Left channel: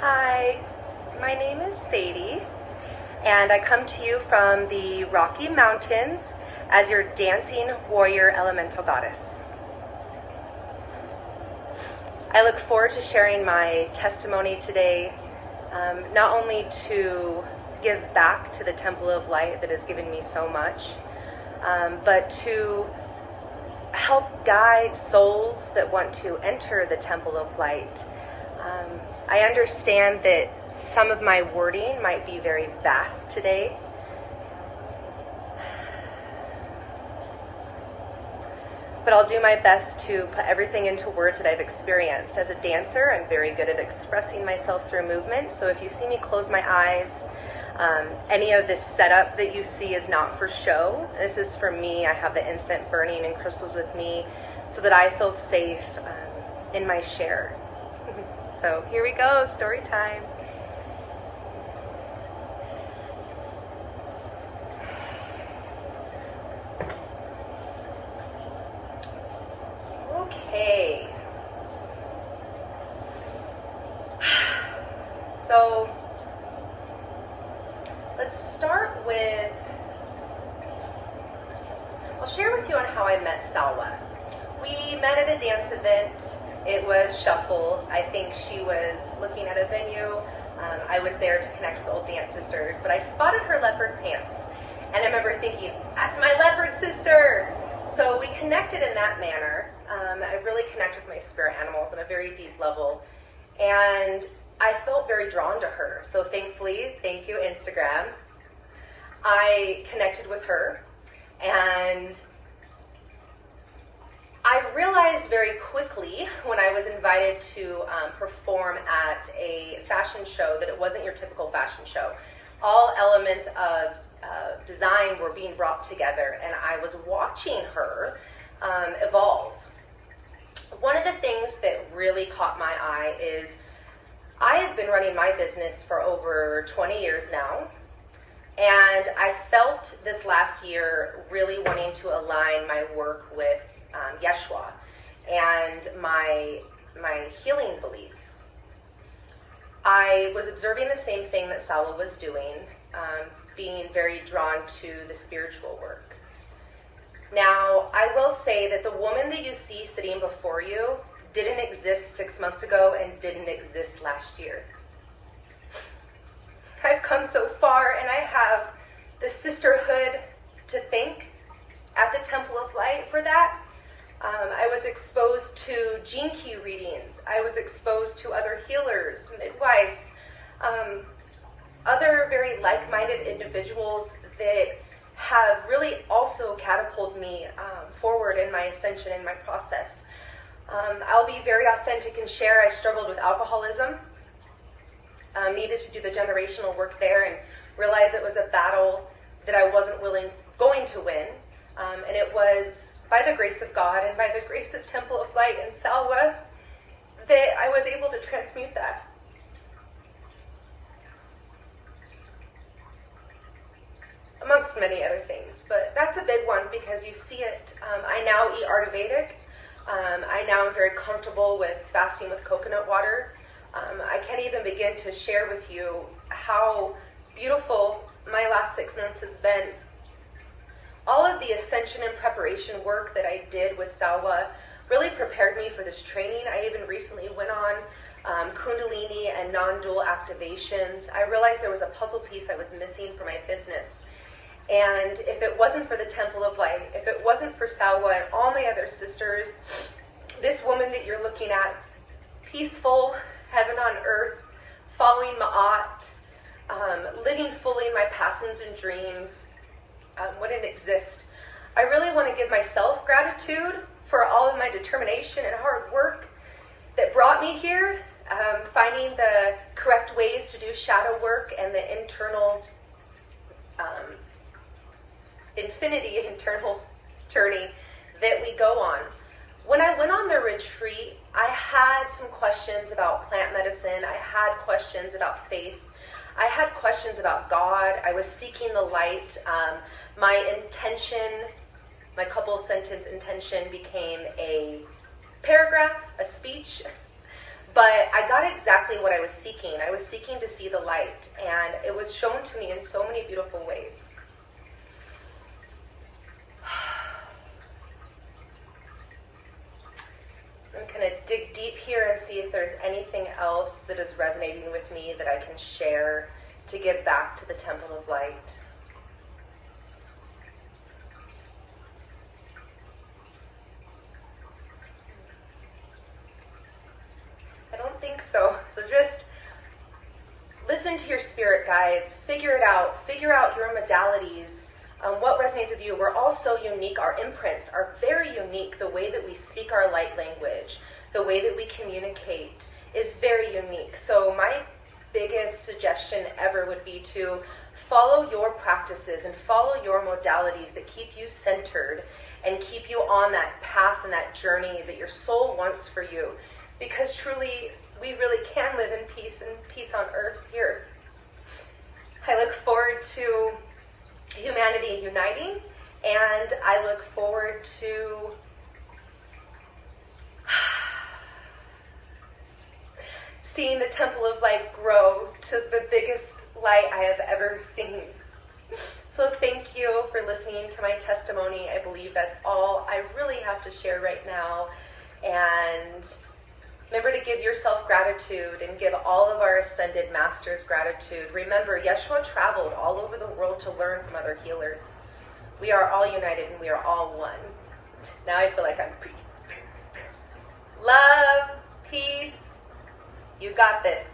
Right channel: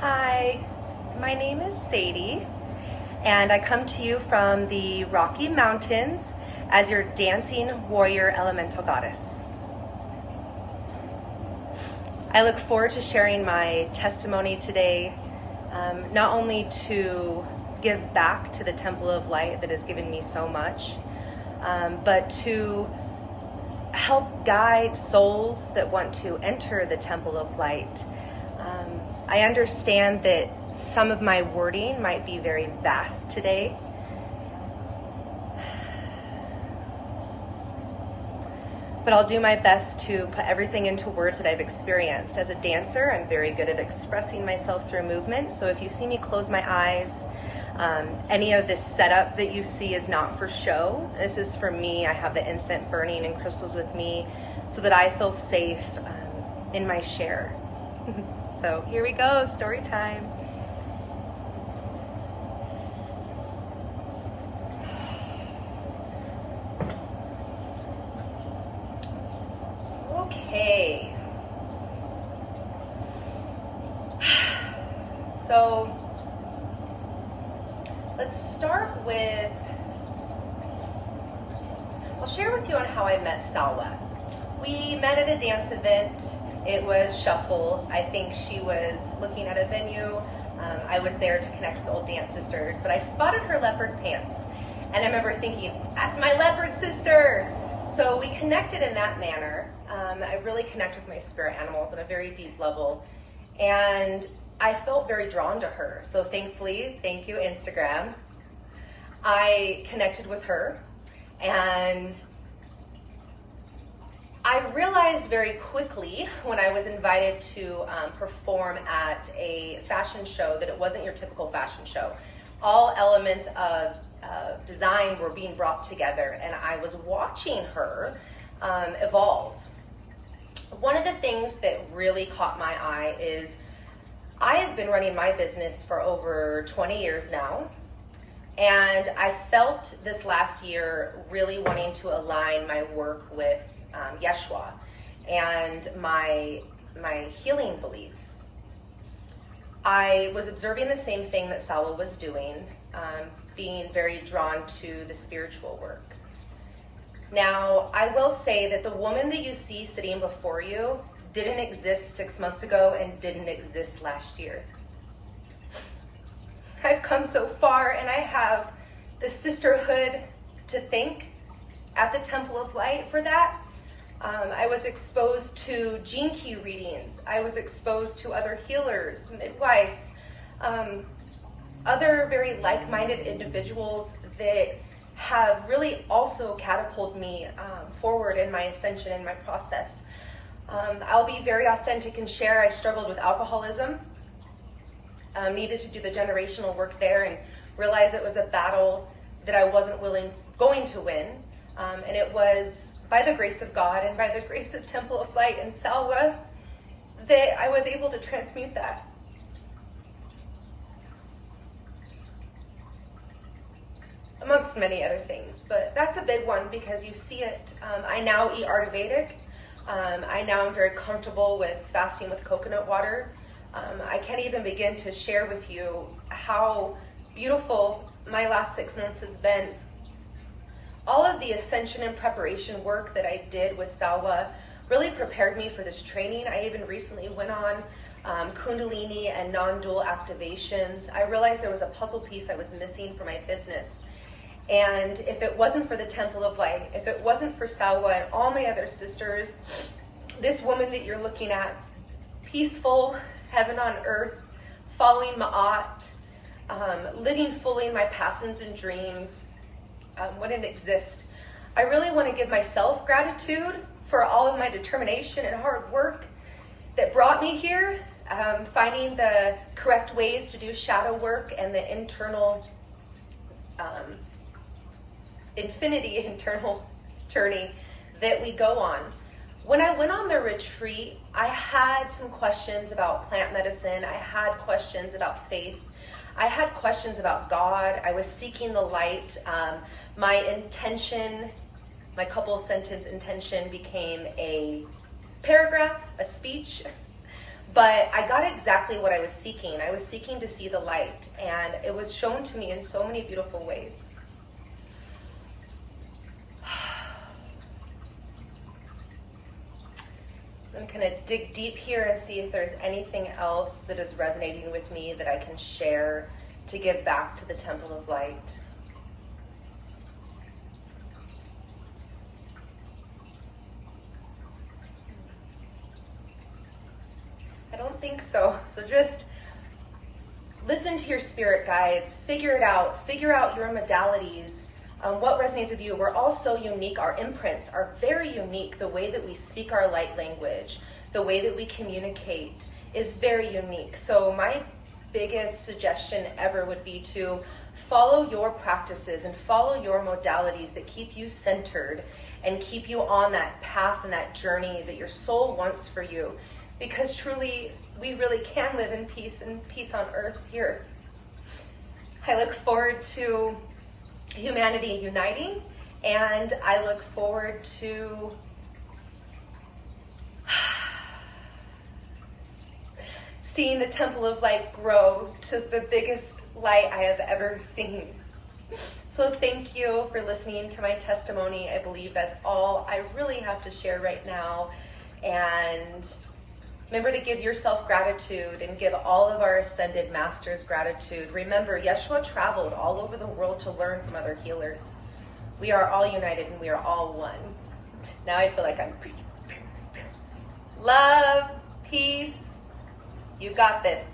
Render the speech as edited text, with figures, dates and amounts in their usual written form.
Hi, my name is Sadie, and I come to you from the Rocky Mountains as your dancing warrior elemental goddess. I look forward to sharing my testimony today, not only to give back to the Temple of Light that has given me so much, but to help guide souls that want to enter the Temple of Light. I understand that some of my wording might be very vast today. But I'll do my best to put everything into words that I've experienced. As a dancer, I'm very good at expressing myself through movement. So if you see me close my eyes, any of this setup that you see is not for show. This is for me. I have the incense burning and crystals with me so that I feel safe in my share. So here we go, story time. Okay. So let's start with, I'll share with you on how I met Salwa. We met at a dance event. It was Shuffle. I think she was looking at a venue. I was there to connect with old dance sisters, but I spotted her leopard pants. And I remember thinking, that's my leopard sister! So we connected in that manner. I really connected with my spirit animals on a very deep level. And I felt very drawn to her. So thankfully, thank you, Instagram. I connected with her, and I realized very quickly when I was invited to perform at a fashion show that it wasn't your typical fashion show. All elements of design were being brought together, and I was watching her evolve. One of the things that really caught my eye is I have been running my business for over 20 years now, and I felt this last year really wanting to align my work with Yeshua and my healing beliefs. I was observing the same thing that Salwa was doing, being very drawn to the spiritual work. Now, I will say that the woman that you see sitting before you didn't exist 6 months ago and didn't exist last year. I've come so far, and I have the sisterhood to thank at the Temple of Light for that. I was exposed to gene key readings. I was exposed to other healers, midwives, other very like-minded individuals that have really also catapulted me forward in my ascension and my process. I'll be very authentic and share. I struggled with alcoholism, needed to do the generational work there, and realized it was a battle that I wasn't going to win. And it was by the grace of God and by the grace of Temple of Light and Salwa that I was able to transmute that. Amongst many other things, but that's a big one because you see it. I now eat Ayurvedic. I now am very comfortable with fasting with coconut water. I can't even begin to share with you how beautiful my last 6 months has been. All of the ascension and preparation work that I did with Salwa really prepared me for this training. I even recently went on Kundalini and non-dual activations. I realized there was a puzzle piece I was missing for my business. And if it wasn't for the Temple of Light, if it wasn't for Salwa and all my other sisters, this woman that you're looking at, peaceful, heaven on earth, following Ma'at, living fully in my passions and dreams, wouldn't exist. I really want to give myself gratitude for all of my determination and hard work that brought me here, finding the correct ways to do shadow work and the internal internal journey that we go on. When I went on the retreat, I had some questions about plant medicine. I had questions about faith. I had questions about God. I was seeking the light. My intention, my couple sentence intention became a paragraph, a speech. But I got exactly what I was seeking. I was seeking to see the light, and it was shown to me in so many beautiful ways. I'm going to dig deep here and see if there's anything else that is resonating with me that I can share to give back to the Temple of Light. I don't think so. So just listen to your spirit guides, figure it out, figure out your modalities, what resonates with you. We're all so unique. Our imprints are very unique. The way that we speak our light language, the way that we communicate is very unique. So my biggest suggestion ever would be to follow your practices and follow your modalities that keep you centered and keep you on that path and that journey that your soul wants for you. Because truly, we really can live in peace and peace on earth here. I look forward to humanity uniting, and I look forward to seeing the Temple of Light grow to the biggest light I have ever seen. So thank you for listening to my testimony. I believe that's all I really have to share right now. And remember to give yourself gratitude and give all of our ascended masters gratitude. Remember, Yeshua traveled all over the world to learn from other healers. We are all united and we are all one. Now I feel like I'm breathing. Love, peace, you got this.